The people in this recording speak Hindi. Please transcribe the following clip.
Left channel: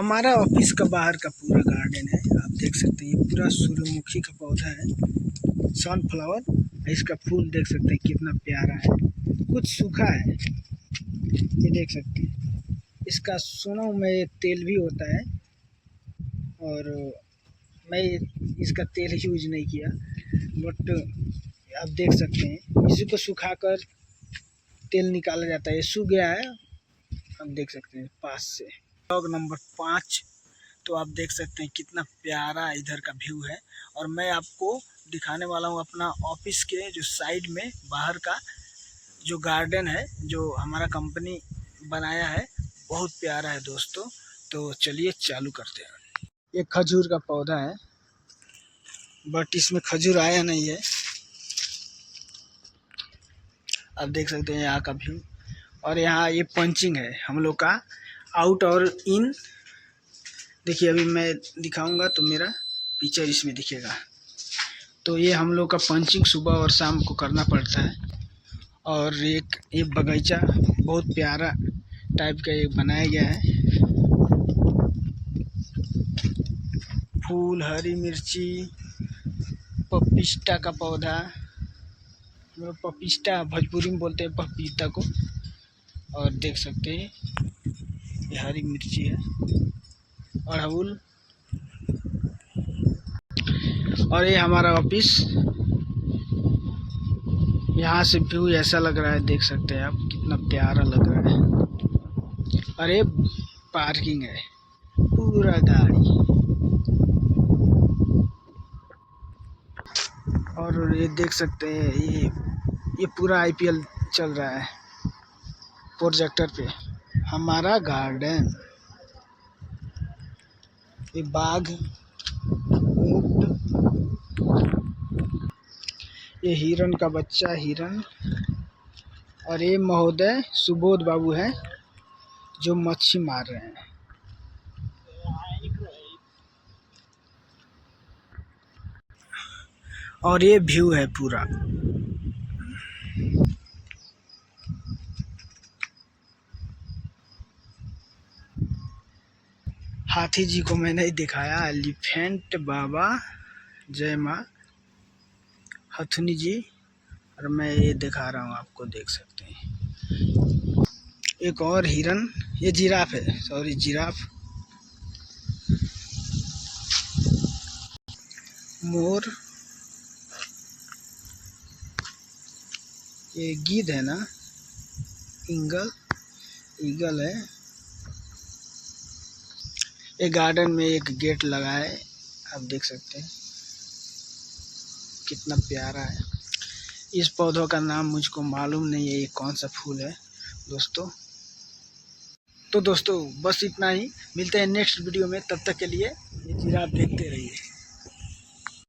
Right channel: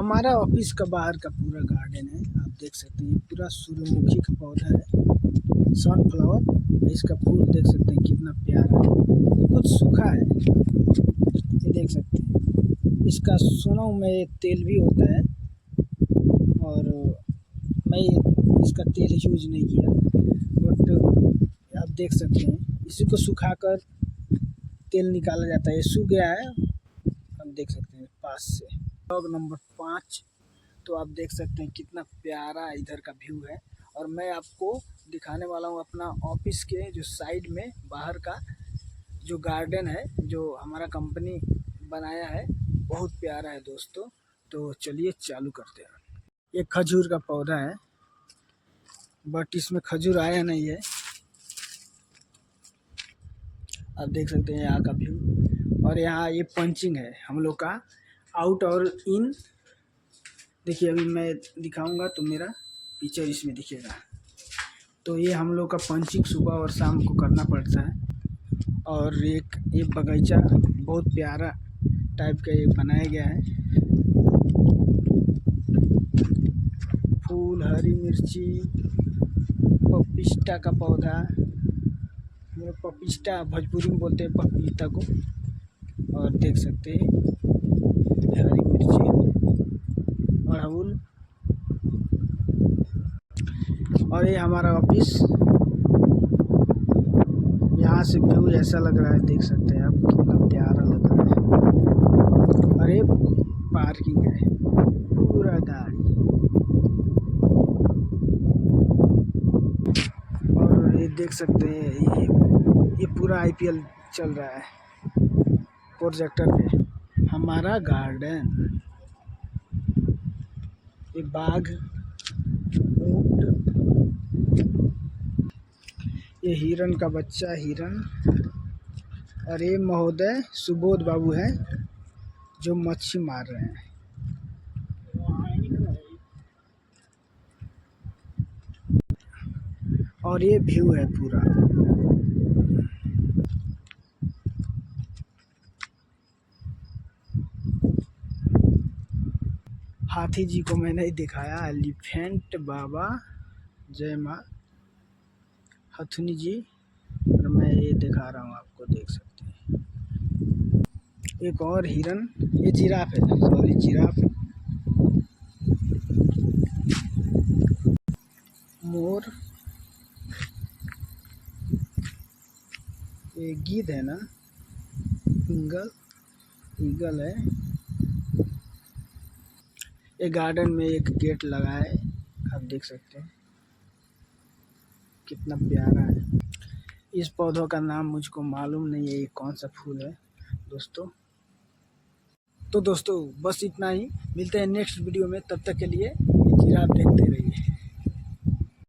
हमारा ऑफिस का बाहर का पूरा गार्डन है। आप देख सकते हैं ये पूरा सूर्यमुखी का पौधा है, सनफ्लावर। इसका फूल देख सकते हैं कितना प्यारा है, कुछ सूखा है, ये देख सकते हैं। इसका सुना हूँ मैं तेल भी होता है, और मैं इसका तेल यूज नहीं किया, बट आप देख सकते हैं इसी को सुखाकर तेल निकाला जाता है। ये सूख गया है, आप देख सकते हैं पास से। Blog number 5। तो आप देख सकते हैं कितना प्यारा इधर का व्यू है, और मैं आपको दिखाने वाला हूँ अपना ऑफिस के जो साइड में बाहर का जो गार्डन है, जो हमारा कंपनी बनाया है। बहुत प्यारा है दोस्तों। तो चलिए चालू करते हैं। ये खजूर का पौधा है, बट इसमें खजूर आया नहीं है। आप देख सकते हैं यहाँ का व्यू, और यहाँ ये पंचिंग है हम लोग का, आउट और इन। देखिए अभी मैं दिखाऊंगा तो मेरा पिक्चर इसमें दिखेगा। तो ये हम लोग का पंचिंग सुबह और शाम को करना पड़ता है। और एक ये बगीचा बहुत प्यारा टाइप का ये बनाया गया है। फूल, हरी मिर्ची, पपीता का पौधा, हम लोग पपीता भोजपुरी में बोलते हैं पपीता को। और देख सकते हैं ये हरी मिर्ची है, अड़हुल। और ये हमारा ऑफिस, यहाँ से व्यू ऐसा लग रहा है, देख सकते हैं आप कितना प्यारा लग रहा है। और ये पार्किंग है, पूरा गाड़ी। और ये देख सकते हैं ये पूरा IPL चल रहा है प्रोजेक्टर पे। हमारा गार्डन, ये बाघ, ऊंट, ये हिरन का बच्चा हिरन। और ये महोदय सुबोध बाबू हैं जो मच्छी मार रहे हैं। और ये व्यू है पूरा। हाथी जी को मैंने ही दिखाया, एलिफेंट बाबा, जय माँ हथुनी जी। और मैं ये दिखा रहा हूँ आपको, देख सकते हैं एक और हिरन। ये जिराफ है, सॉरी जिराफ। मोर, ये गिद्ध है ना, ईगल है। ये गार्डन में एक गेट लगा है, आप देख सकते हैं कितना प्यारा है। इस पौधों का नाम मुझको मालूम नहीं है, ये कौन सा फूल है दोस्तों। तो दोस्तों बस इतना ही, मिलते हैं नेक्स्ट वीडियो में। तब तक के लिए जिराफ देखते रहिए।